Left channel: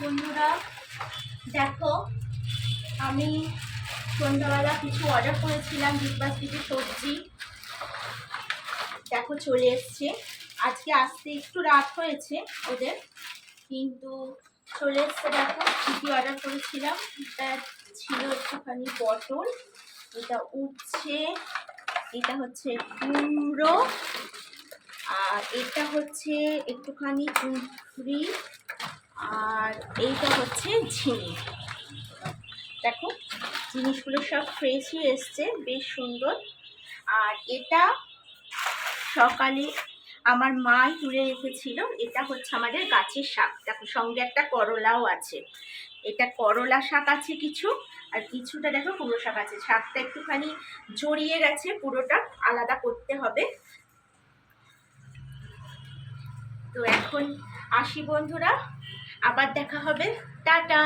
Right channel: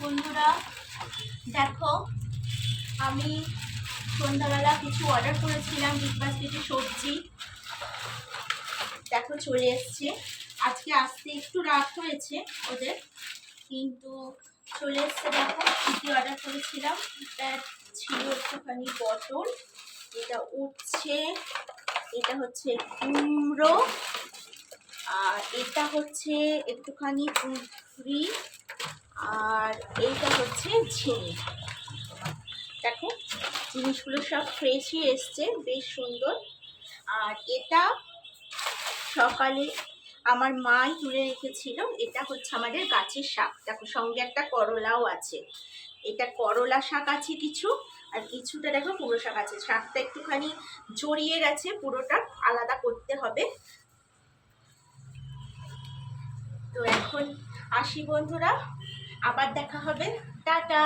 বন্ধুরা, দেখো আমি সন্ধ্যাবেলা কিছু অর্ডার করেছিলাম বিগবাস থেকে সবজি। দেখো চলে এসছে। আজকে আসতে একটু রাত হয়েছে ওদের, কিন্তু চলে এসছে। দেখো কী কী অর্ডার করেছিলাম। এটা ছিল একটুখানি পটল, এটা উচ্ছে, এটা হচ্ছে কুমড়ো, আর এটা হচ্ছে একটুখানি কুঁদরি, আর এইটা হচ্ছে ঝিঙে। দেখো জিনিসগুলো সব ফ্রেশই এসছে, বেশ সুন্দর। আর এটা সকালে আমার মাই তুলে রেখেছিল। এটা হচ্ছে আমাদের গাছের শাক। দেখো সঙ্গে একটা করলাও আছে। এটা করলা শাক আছে কিছু, আর কিছুটা দেখো কুমড়ো শাক আছে। শাকটা একটুখানি জড়িয়ে গেছে, পুরোটা আলাদা করতে হবে। তো এখন আসি বন্ধুরা, আবার দেখা হবে, টাটা।